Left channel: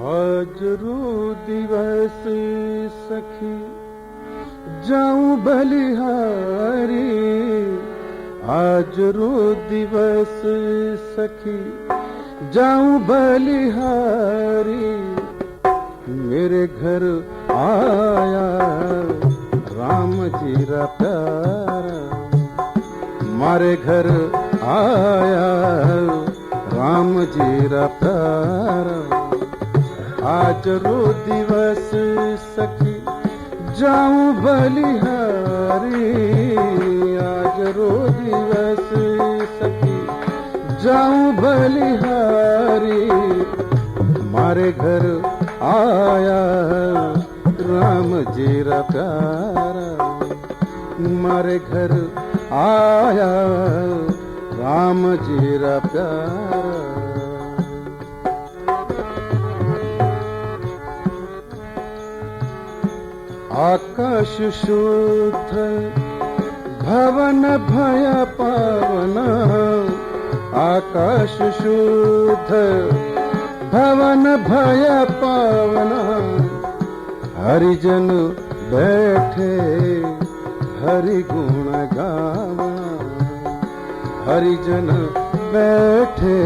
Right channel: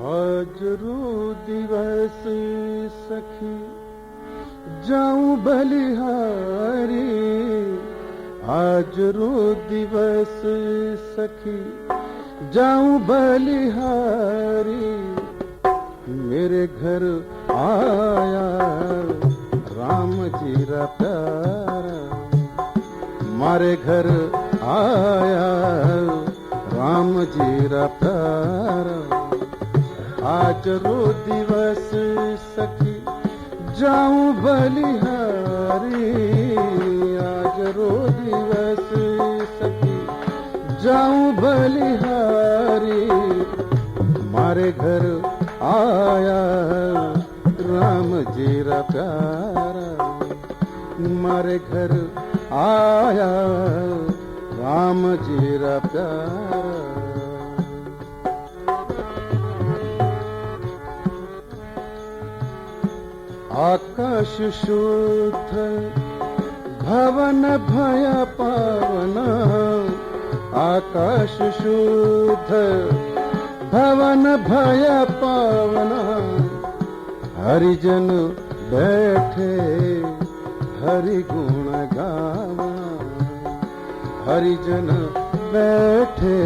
आज रो दिवस सखी जाऊं बलिहारी, आज रो दिवस सखी जाऊं बलिहारी। मेरे घर आया राम जी रा प्यारा, मारे घर आया राम जी रा प्यारा। आज रो दिवस सखी जाऊं बलिहारी, आज रो दिवस सखी जाऊं बलिहारी। मारे घर आया राम जी रा प्यारा, मारे घर आया राम जी रा प्यारा। आकाश शुद्ध भवन भय पावना, आकाश शुद्ध भवन भय पावना। हरिजन बैठे हरि गुण गावना, हरिजन बैठे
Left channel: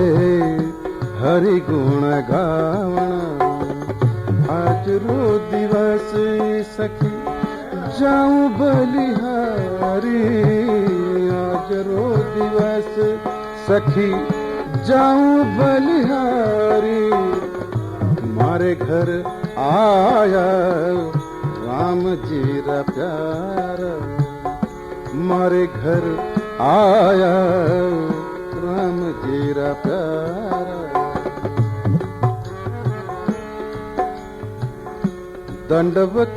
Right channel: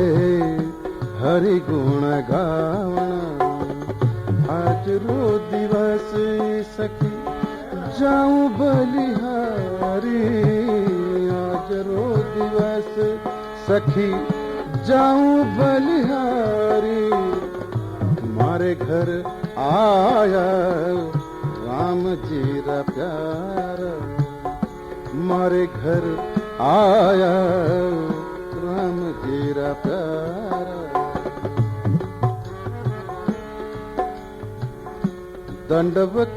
हरि गुण गावना। आज रो दिवस सखी जाऊं बलिहारी, आज रो दिवस सखी जाऊं बलिहारी। मारे घर आया राम जी रा प्यारा, मारे घर आया राम जी रा प्यारा। दंडवत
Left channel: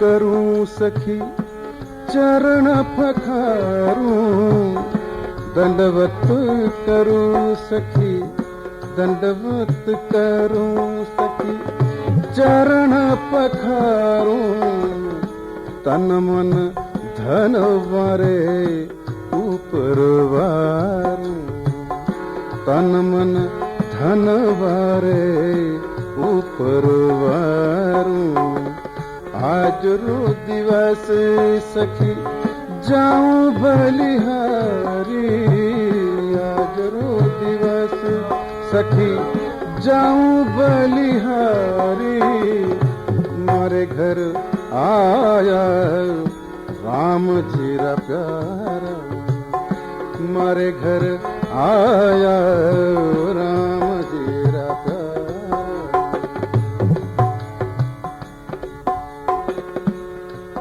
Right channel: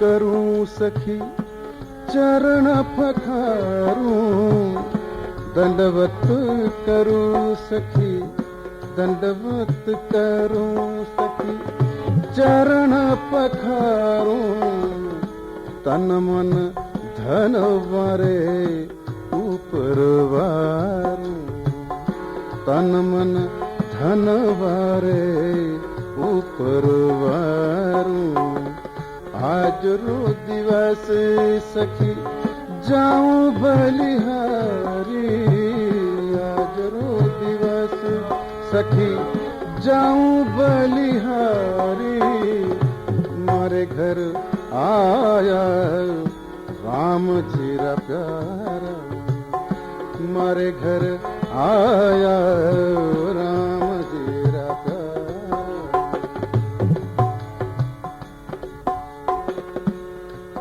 करूं सखी चरण पखारूं, दंडवत करूं सखी दंडवत करूं सखी चरण पखारूं। तन मन धन वारे ऊपर वारूं, तन मन धन वारे ऊपर वारूं। आज रो दिवस सखी जाऊं बलिहारी, आज रो दिवस सखी जाऊं बलिहारी। मारे घर आया राम जी रा प्यारा, मारे घर आया राम जी रा प्यारा।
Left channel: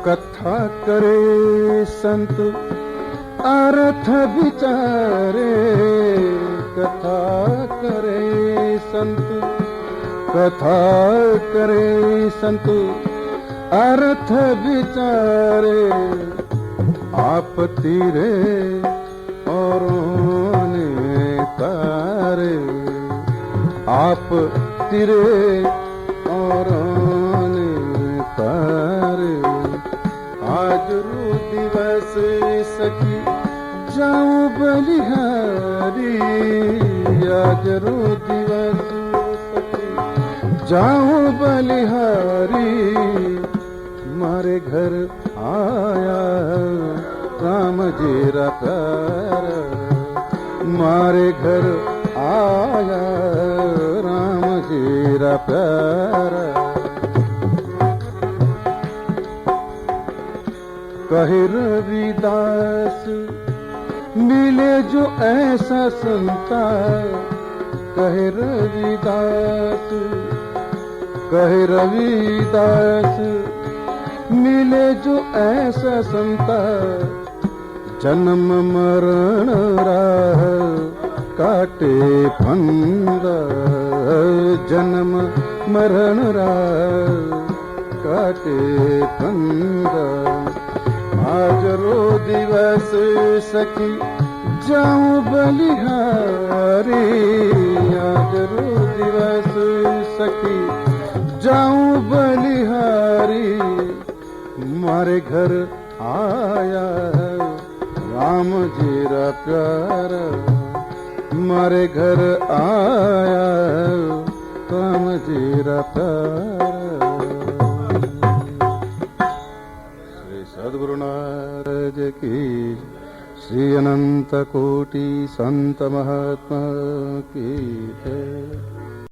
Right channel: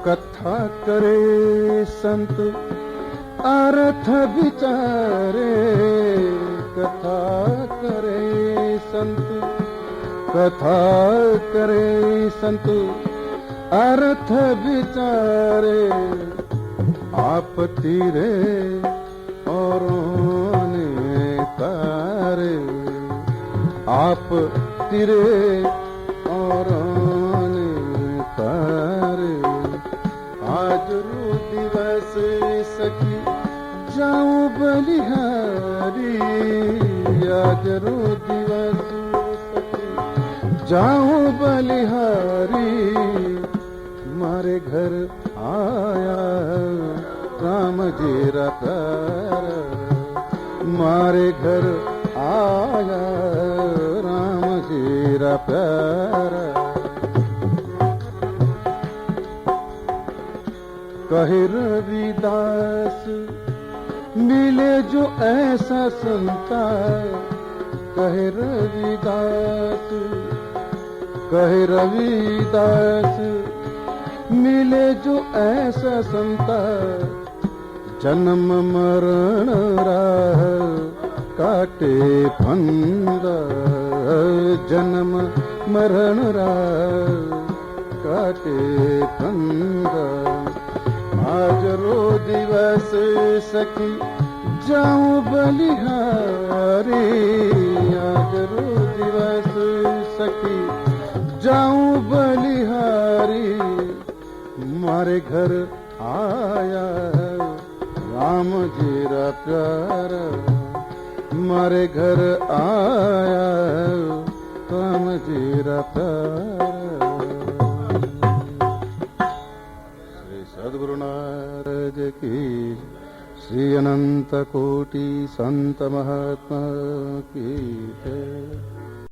कथा करे संत अर्थ विचारे, कथा करे संत, कथा करे संत अर्थ विचारे। आप तीरे औरों ने तारे, आप तीरे औरों ने तारे। आज रो दिवस सखी जाऊं बलिहारी, आज रो दिवस सखी जाऊं बलिहारी। मारे घर आया राम जी रा प्यारा, मारे घर आया राम जी रा प्यारा। कहे रविदास मिले जो ऐसा संता, कहे रविदास, कहे रविदास मिले जो ऐसा संता। जन्म मरण राह काटे फंदा, जन्म मरण राह काटे फंदा। आज रो दिवस सखी जाऊं बलिहारी, आज रो दिवस सखी जाऊं बलिहारी। मारे घर आया राम जी रा प्यारा, मारे घर आया त्वम जीरा प्यार। श्री सद्गुरु नारद की, श्री अनंत कोटि संत महात्मा की जय।